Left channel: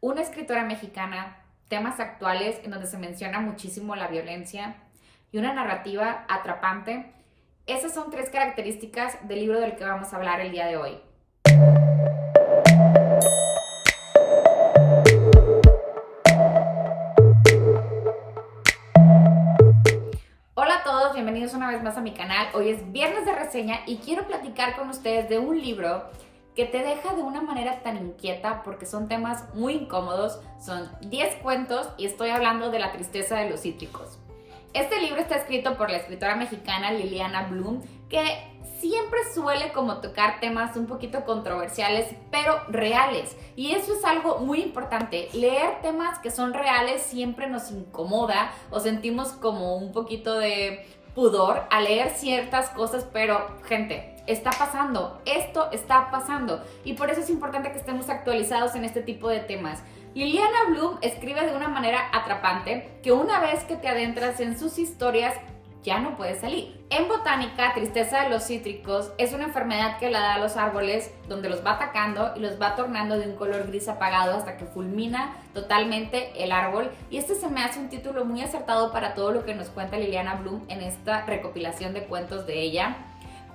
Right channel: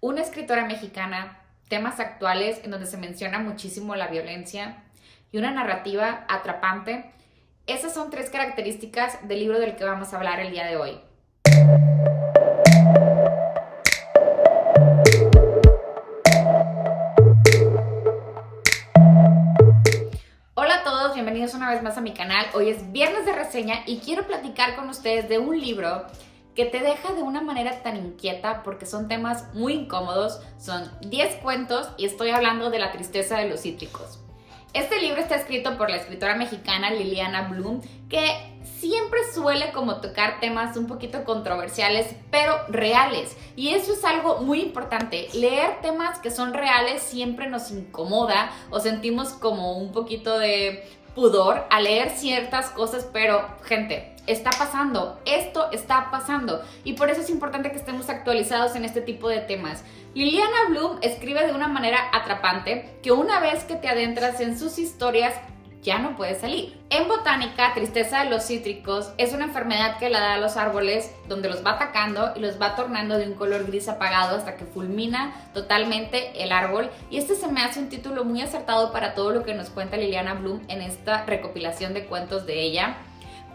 una escritora mexicana, temas actuales en donde se menciona muchísimo la violencia y una narrativa atrapante. Esas son tres características del libro del que vamos a hablar el día de hoy. Hola a todos, bienvenidos una vez más a mi canal. Hoy es viernes de reseña y quiero platicar con ustedes de un libro que te deja de una manera tan inquieta porque son temas muy incómodos. Son 10 cuentos y estoy hablando de La tristeza de los cítricos. Este libro está escrito por la escritora mexicana Liliana Bloom, que siempre suele como tocar temas un poquito controversiales, pero reales. Y eso es algo muy importante. Leer temas que son reales siempre nos incomoda o sentimos como un poquito de pudor a leer ciertas cosas, pero gente, está pasando, esto está pasando y por eso es importante que estemos actualizados en este tipo de temas. Liliana Bloom escribe de una manera atrapante que una vez que te adentras en sus historias ya no puedes salir. En botánica, tristeza de los cítricos es una enfermedad que la da a los árboles, donde los va atacando y los va tornando de un color gris apagado hasta que fulmina totalmente el árbol. Y este se me hace un título muy acertado para todo lo que nos cuenta Liliana Bloom en esta recopilación de cuentos de ella.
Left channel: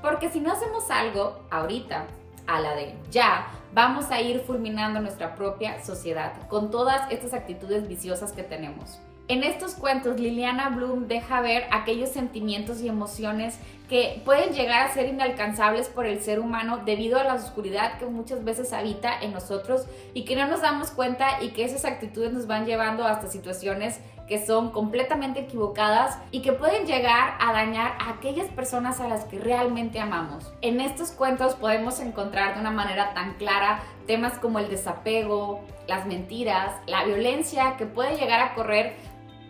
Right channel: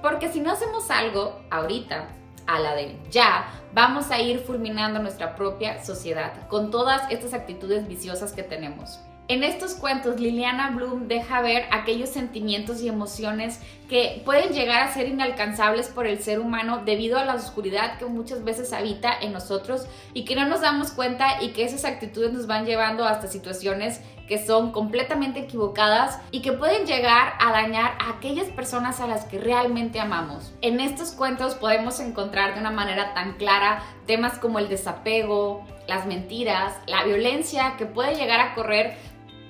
Porque si no hacemos algo ahorita, a la de ya, vamos a ir fulminando nuestra propia sociedad con todas estas actitudes viciosas que tenemos. En estos cuentos, Liliana Bloom deja ver aquellos sentimientos y emociones que pueden llegar a ser inalcanzables por el ser humano debido a la oscuridad que muchas veces habita en nosotros y que no nos damos cuenta, y que esas actitudes nos van llevando hasta situaciones que son completamente equivocadas y que pueden llegar a dañar a aquellas personas a las que realmente amamos. En estos cuentos podemos encontrar de una manera tan clara temas como el desapego, las mentiras, la violencia que puede llegar a correr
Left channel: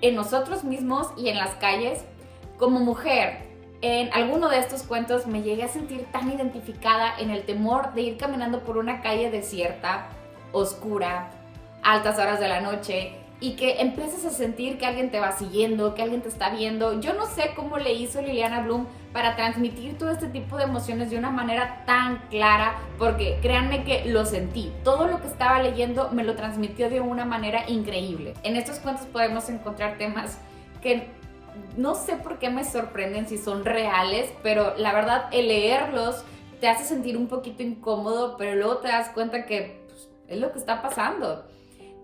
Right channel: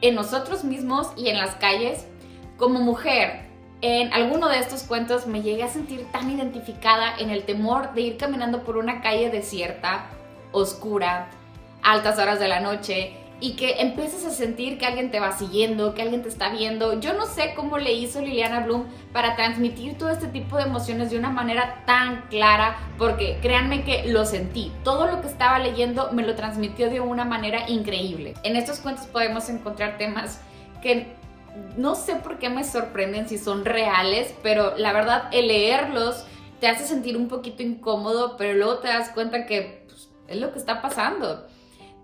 en nosotros mismos y en las calles. Como mujer, en alguno de estos cuentos me llegué a sentir tan identificada en el temor de ir caminando por una calle desierta, oscura, a altas horas de la noche, y que empiezas a sentir que alguien te va siguiendo, que alguien te está viendo. Yo no sé cómo le hizo Liliana Bloom para transmitir todo este tipo de emociones de una manera tan clara, porque créanme que lo sentí. Todo lo que estaba leyendo me lo transmitió de una manera increíble. En estos cuentos podemos encontrar temas que no sé por qué me sorprenden si son reales, pero la verdad el leerlos te hace sentir un poquito incómodo, pero luego te das cuenta que pues, es lo que está pasando.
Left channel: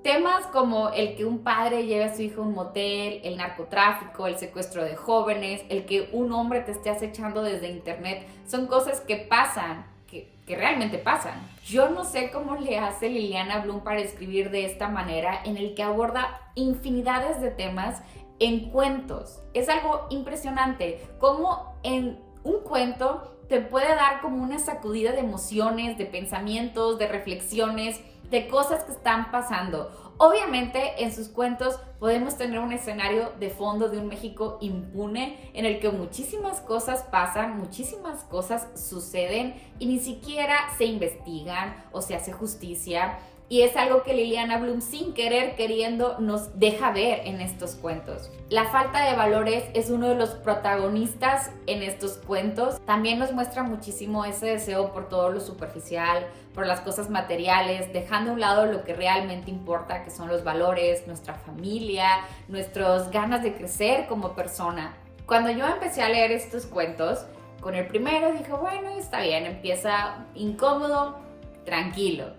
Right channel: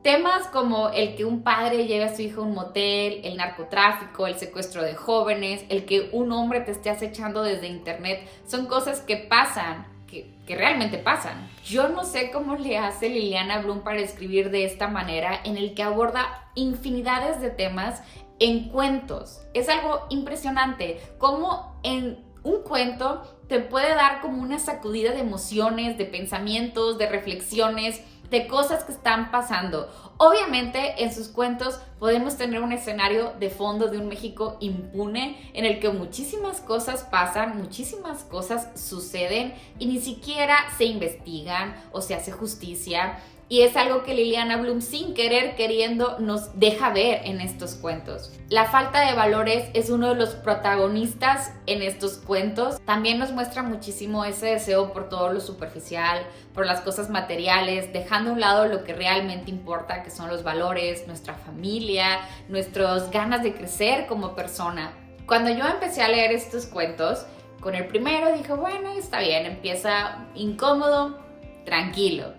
Temas como el que un padre lleve a su hijo a un motel, el narcotráfico, el secuestro de jóvenes, el que un hombre te esté acechando desde internet, son cosas que pasan, que realmente pasan. Yo no sé cómo le hace Liliana Bloom para escribir de esta manera, en el que aborda infinidades de temas en cuentos. Es algo impresionante cómo en un cuento te puede dar como una sacudida de emociones, de pensamientos, de reflexiones, de cosas que están pasando. Obviamente en sus cuentos podemos tener un escenario de fondo de un México impune en el que muchísimas cosas pasan, muchísimas cosas suceden y ni siquiera se investigan o se hace justicia. Y es algo que Liliana Bloom, sin querer queriendo, nos deja ver en estos cuentos. La falta de valores es uno de los protagonistas en estos cuentos. También nos muestra muchísimo ese deseo por todo lo superficial, por las cosas materiales, dejando a un lado lo que realmente importa, que son los valores, nuestra familia, nuestras ganas de crecer como persona. Cuando yo empecé a leer estos cuentos, con el primero dije, bueno, está bien, empieza incómodo, tranquilo.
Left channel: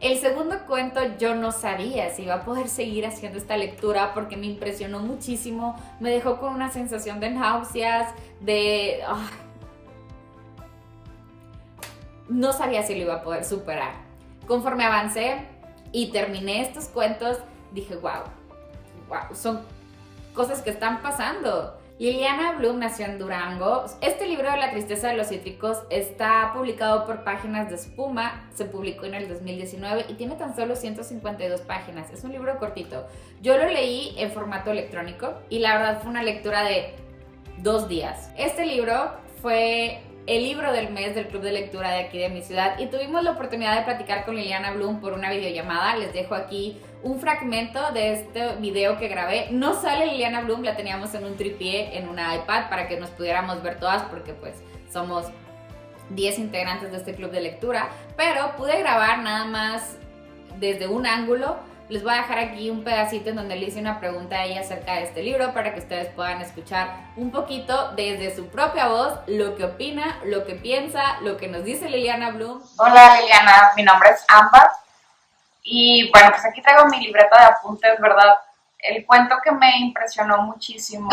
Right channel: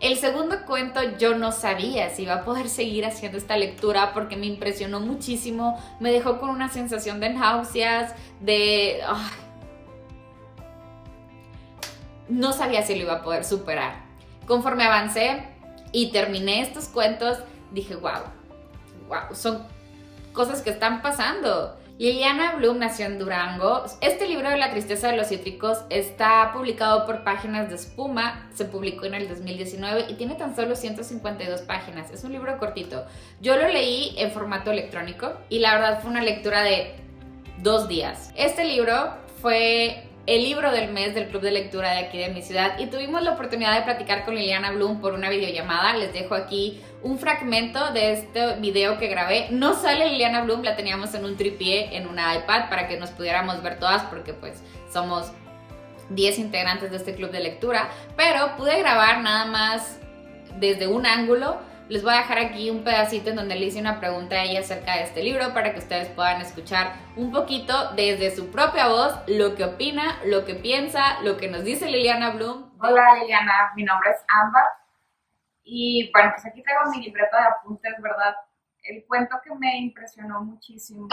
El segundo cuento yo no sabía si iba a poder seguir haciendo esta lectura porque me impresionó muchísimo, me dejó con una sensación de náuseas, no sabía si lo iba a poder superar. Conforme avancé y terminé estos cuentos, dije, wow, son cosas que están pasando. Liliana Bloom nació en Durango. Este libro de La tristeza de los cítricos está publicado por Páginas de Espuma, se publicó en el 2019 y tiene tan solo 152 páginas. Es un libro cortito. Yo lo leí en formato electrónico y la verdad fue una lectura de 2 días. Este libro fue el libro del mes del club de lectura de aquí de mi ciudad y tuvimos la oportunidad de platicar con Liliana Bloom por una videollamada. Les dejo aquí un fragmento de este video que grabé. No sale Liliana Bloom, la teníamos en un tripié en una iPad para que nos pudiéramos ver todas porque pues somos 10 integrantes de este club de lectura, pero pude grabar nada más desde un ángulo Les voy a dejar aquí un pedacito en donde le hice una pregunta a ella acerca de este libro para que ustedes puedan escuchar un poquito desde su propia voz lo que opina, lo que piensa, lo que nos dice Liliana Bloom. Hola Liliana, mi nombre es Ámbar y bueno, pues aquí traigo mi libreta de apuntes, ¿verdad? El cuento que me impresionó muchísimo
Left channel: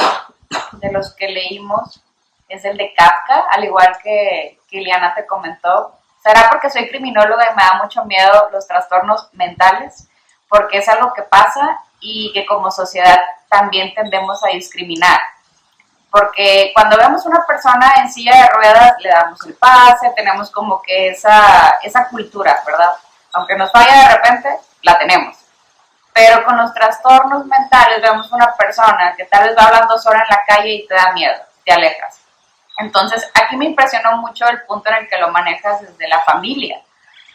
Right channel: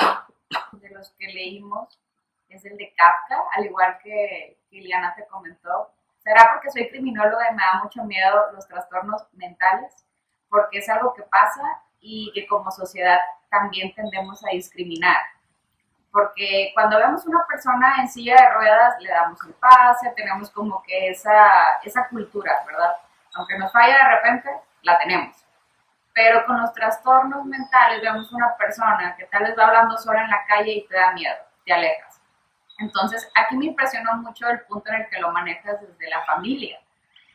de los que leímos es el de Kafka, al igual que Liliana te comentó. ¿Será porque soy criminóloga y me da mucho miedo los trastornos mentales? Porque es algo que pasa y que como sociedad también tendemos a discriminar. Porque cuando vemos una persona en silla de ruedas, le damos el pase, tenemos como que esa cultura, ¿verdad? Aunque nos falla de repente, la tenemos. Pero con los trastornos mentales vemos una persona que tal vez va hablando sola en la calle y te da miedo, te alejas. Entonces, aquí me impresionó mucho el punto en el que lo manejas desde la familia.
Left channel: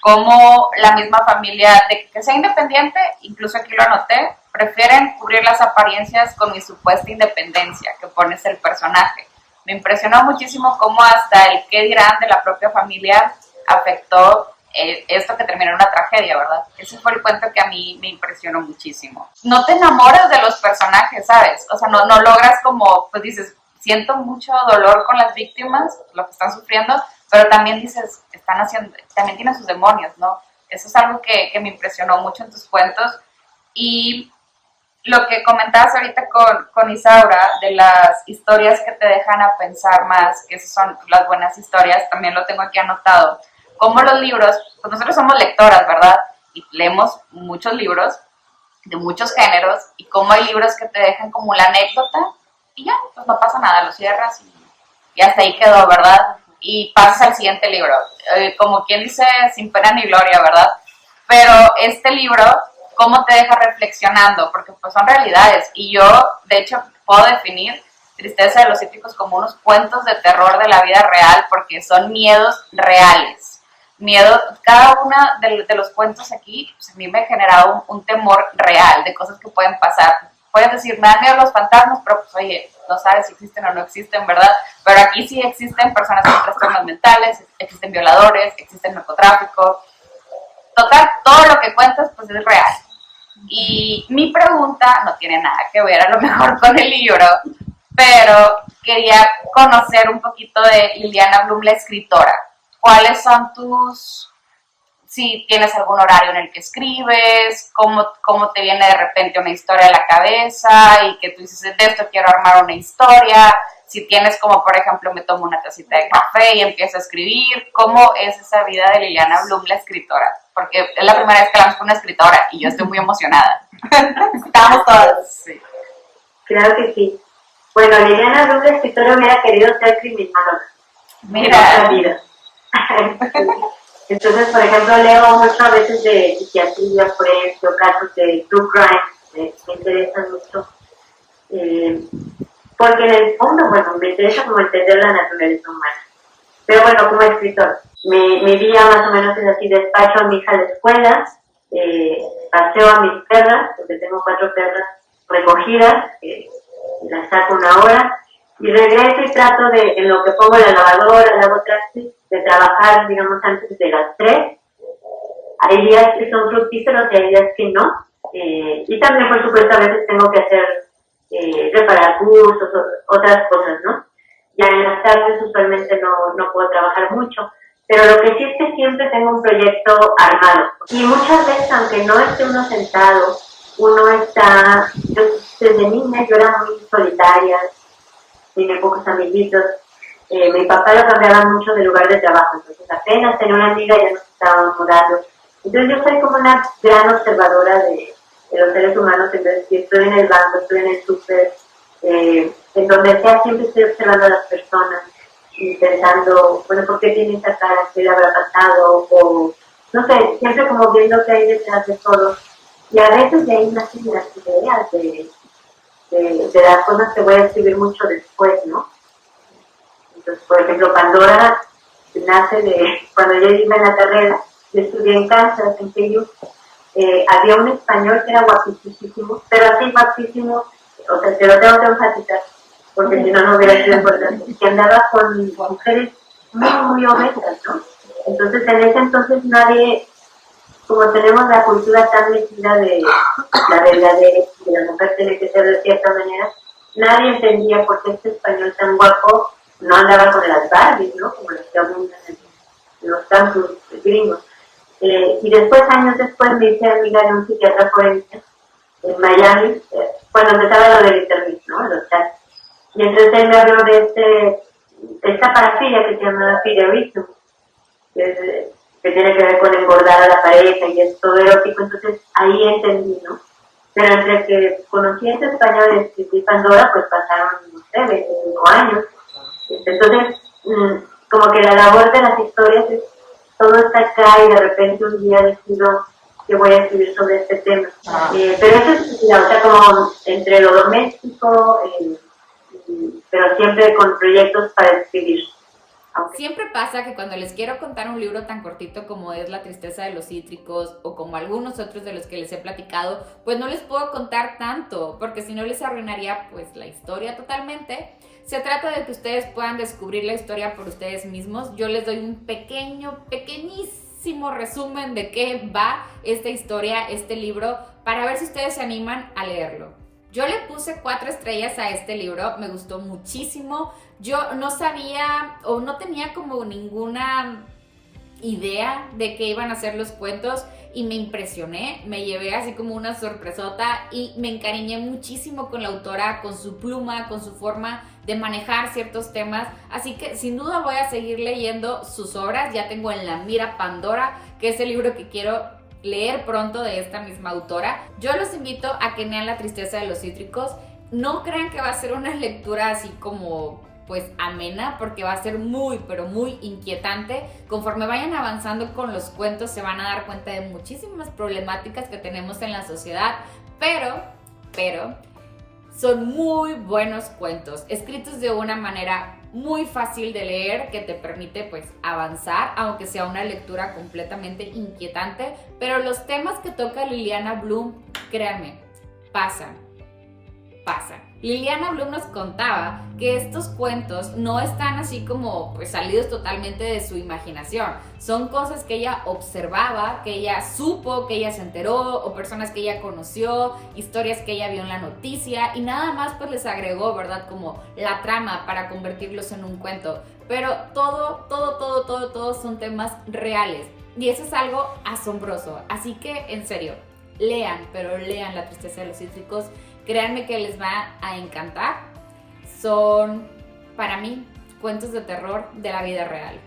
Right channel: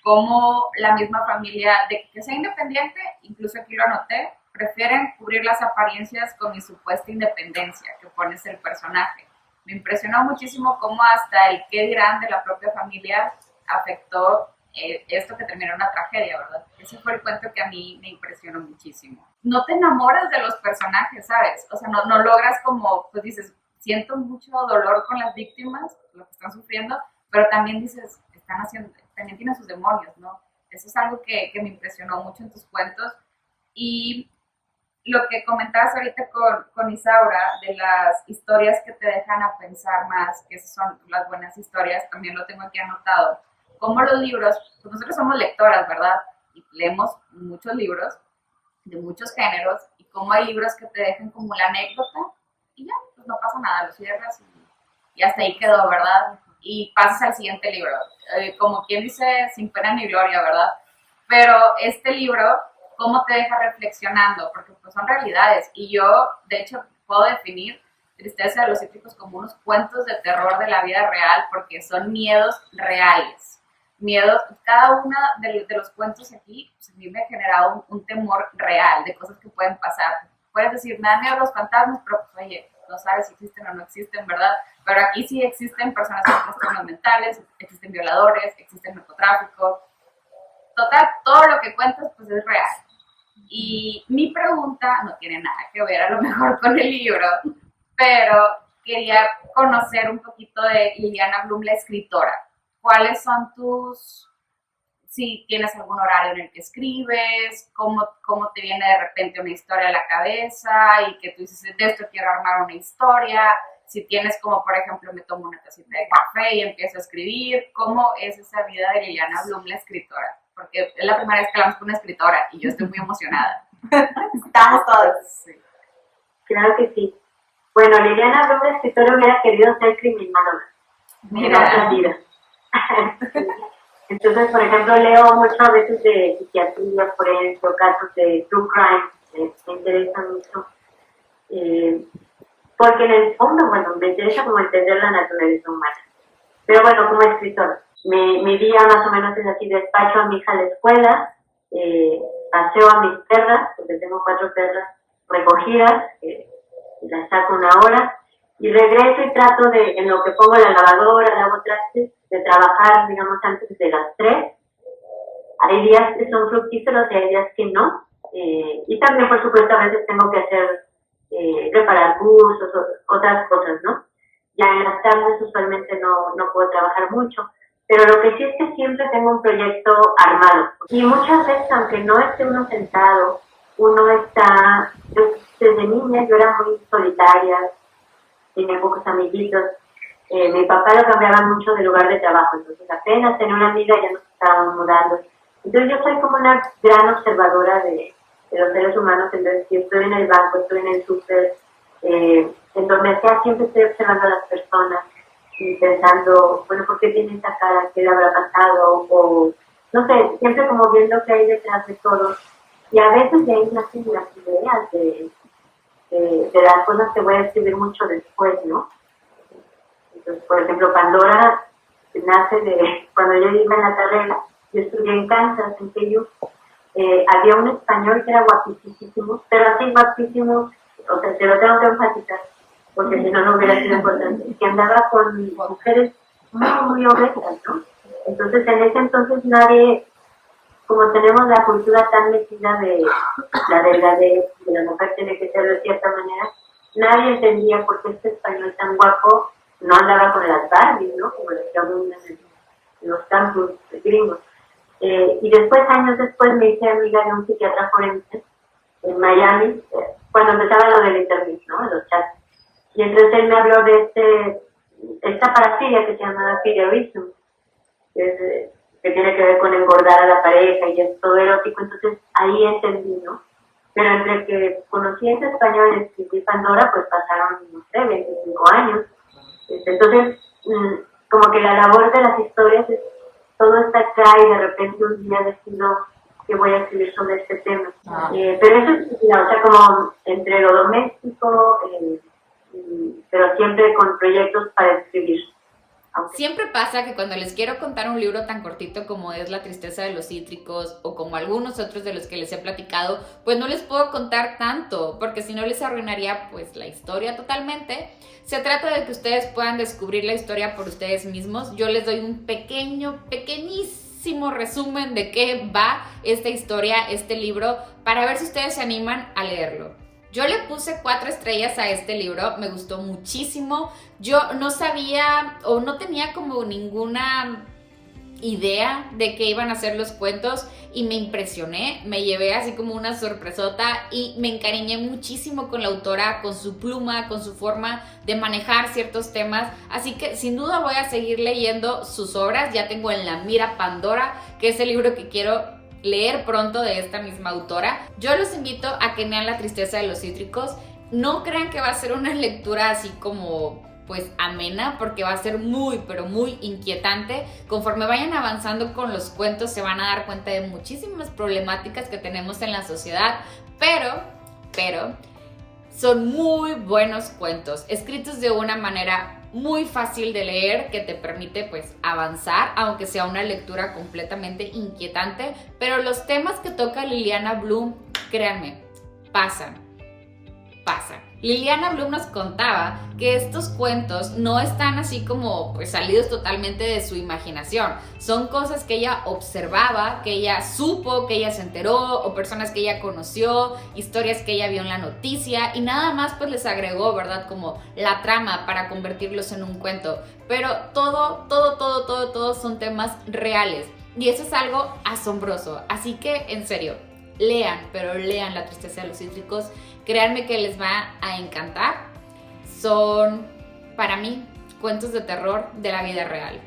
Como la misma familia, de que sea independiente, incluso aquí lo anoté, prefieren cubrir las apariencias con mi supuesta independencia que pones el personaje. Me impresionó muchísimo cómo hasta el qué dirán de la propia familia afectó esto que terminó en una tragedia, ¿verdad? Ese fue el cuento que a mí me impresionó muchísimo. No te enamoras de los personajes, ¿sabes? O sea, no logras como, pues dices, siento mucho dolor con las víctimas, lo que están sufriendo, pero también dices, están haciendo, también tienen sus demonios, ¿no? Eso es algo que me impresionó mucho en tus cuentos. Y lo que comentabas ahorita con Isaura, de las historias que te dejan a pensar más, que esas son las buenas historias, también lo tengo aquí anotado. Como los libros, pues nosotros somos lectoras, ¿verdad? Y leemos muchos libros de muchos géneros, y como hay libros que te dejan como la anécdota, y ya, pues no pasa nada, lo cierras y hasta ahí quedó, ¿verdad? Y pasas al siguiente libro. Como quien dice, sin pena ni gloria, ¿verdad? Pero este libro, ¿cómo te deja reflexionando? Porque pues son realidades, y yo, de hecho, puedo definir Tristeza de los Cítricos como unos cuentos de terror de la vida real, porque son miedos reales. Miedo, cada uno de los cuentos aquí, pues a mí me ha generado un temor real de cosas que pueden pasar. Puedes decir, me dan miedo los fantasmas, pero pues oye, no sabes si existen o no existen, ¿verdad? Pero aquí sí existen personas con trastornos mentales, existen violadores, existen narcotráfico. Total, todo lo que cuentas pues es real. Y mi pregunta no tiene nada que ver a lo mejor con el libro, pero quería conocer un poquito de Liliana Bloom, la escritora. ¿Cuáles son si tienes algún horario en el que escribes, cómo te viene de repente una historia a la cabeza y que tú dices, de esto quiero armar una historia? Si tienes como, por ejemplo, me tomo una tacita de café y empiezo a escribir, ¿cómo es esa vida de Liliana Bloom, la escritora? Porque es la primera vez que hablamos con una escritora y yo estoy muy emocionada. Estamos todas. Sí. Claro que sí. Bueno, Liliana Bloom, la escritora, hubiera querido ser criminóloga. Mira. En otra vida. Entonces, por ejemplo, leo mucho a veces de psiquiatría, por ejemplo, casos de true crime, me interesan mucho. Porque en el fondo, bueno, me interesa como entender la naturaleza humana. Pero bueno, como escritor, mi día más o menos es así: despacho a mi hija a la escuela, paseo a mis perras, porque tengo 4 perras recogidas, las saco una hora, y regreso y trato de, en lo que pongo la lavadora, lavo trastes, de trabajar, digamos, antes de las 3. Hay días que son fructíferos y hay días que no. Y también, por supuesto, a veces tengo que hacer, reparar cursos, otras cosas, ¿no? Ya en las tardes usualmente no puedo trabajar mucho, pero lo que sí es que siempre tengo un proyecto armado. Y muchas veces, aunque no esté uno sentado, uno está, desde niña yo era muy solitaria, tenía pocos amiguitos. Mi papá lo cambiaba mucho de lugar de trabajo, entonces apenas tenía una amiga ya nos estábamos mudando. Entonces yo soy como una gran observadora de los seres humanos. Entonces, si estoy en el banco, estoy en el súper, en donde sea, siempre estoy observando a las personas y pensando, bueno, ¿por qué tiene esa cara? ¿Qué le habrá pasado? O, no sé, siempre como viendo qué hay detrás de todo. Y a veces de ahí nacen las ideas de las cosas que voy a escribir mucho después, ¿no? Entonces, por ejemplo, Pandora nace de cuando yo iba en la carrera. Yo estudié en Kansas, en KU. Había un español que era guapísimo, pero así guapísimo, o sea, te lo tengo que enfatizar, porque si no, no hubiera sido importante, que andaba con mujeres muy, muy obesas, ¿no? Entonces, en ese entonces nadie como tenemos la cultura tan metida de la verdadera, de la mujer tiene que ser de cierta manera, nadie entendía por qué este español tan guapo no andaba con las Barbies, ¿no? Como los que abundan en los campus gringos. Y después, años después, me hice amiga de un psiquiatra forense en Miami, cuando empezaba lo del internet, ¿no? Los chats. Y entonces él me habló de esta parafilia que se llama fiderism, que tiene que ver con engordar a la pareja y es todo erótico. Entonces ahí entendí, ¿no? Pero entre que conocí ese español y escribí Pandora, pues pasaron, no sé, 25 años. Entonces, como que la labor de las historias es, todo está acá y de repente un día decido que voy a escribir sobre este tema. Pero eso es, o sea, como entre lo doméstico, pero siempre con proyectos para escribir. Siempre pasa que cuando les quiero contar un libro tan cortito como es La tristeza de los cítricos o como algunos otros de los que les he platicado, pues no les puedo contar tanto porque si no les arruinaría pues la historia totalmente. Se trata de que ustedes puedan descubrir la historia por ustedes mismos. Yo les doy un pequeñísimo resumen de qué va esta historia, este libro, para ver si ustedes se animan a leerlo. Yo le puse 4 estrellas a este libro, me gustó muchísimo. Yo no sabía o no tenía como ninguna idea de qué iban a ser los cuentos y me impresioné, me llevé así como una sorpresota y me encariñé muchísimo con la autora, con su pluma, con su forma de manejar ciertos temas, así que sin duda voy a seguir leyendo sus obras. Ya tengo en la mira Pandora, que es el libro que quiero leer pronto de esta misma autora. Yo los invito a que lean La tristeza de los cítricos. No crean que va a ser una lectura así como pues amena, porque va a ser muy pero muy inquietante. Conforme vayan avanzando con los cuentos se van a dar cuenta de muchísimas problemáticas que tenemos en la sociedad, pero son muy buenos cuentos, escritos de una manera muy fácil de leer que te permite pues avanzar, aunque sea una lectura completamente inquietante. Pero los temas que toca Liliana Bloom, créanme, pasan. Liliana Bloom nos contaba que estos cuentos no están así como pues salidos totalmente de su imaginación. Son cosas que ella observaba, que ella supo, que ella se enteró, o personas que ella conoció, historias que ella vio en la noticia, y nada más pues les agregó, ¿verdad? Como la trama para convertirlos en un cuento. Pero todo son temas reales. Y eso es algo asombroso. Así que, en serio, lean, pero lean La tristeza de los cítricos. Créanme que les va a encantar. Son, para mí, cuentos de terror de la vida real.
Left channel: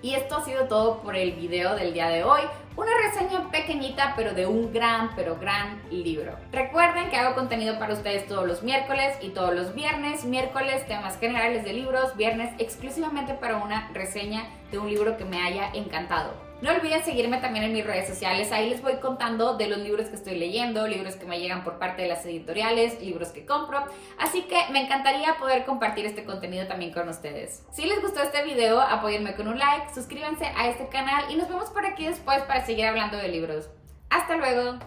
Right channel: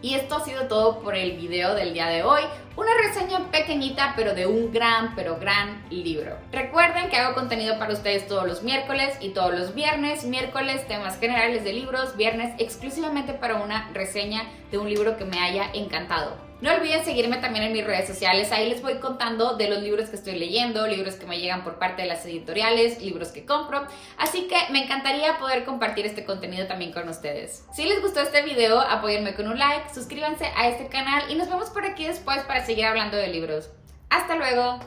Y esto ha sido todo por el video del día de hoy. Una reseña pequeñita, pero de un gran libro. Recuerden que hago contenido para ustedes todos los miércoles y todos los viernes. Miércoles, temas generales de libros. Viernes, exclusivamente para una reseña de un libro que me haya encantado. No olviden seguirme también en mis redes sociales. Ahí les voy contando de los libros que estoy leyendo, libros que me llegan por parte de las editoriales, libros que compro. Así que me encantaría poder compartir este contenido también con ustedes. Si les gustó este video, apóyenme con un like, suscríbanse a este canal y nos vemos por aquí después para seguir hablando de libros. ¡Hasta luego!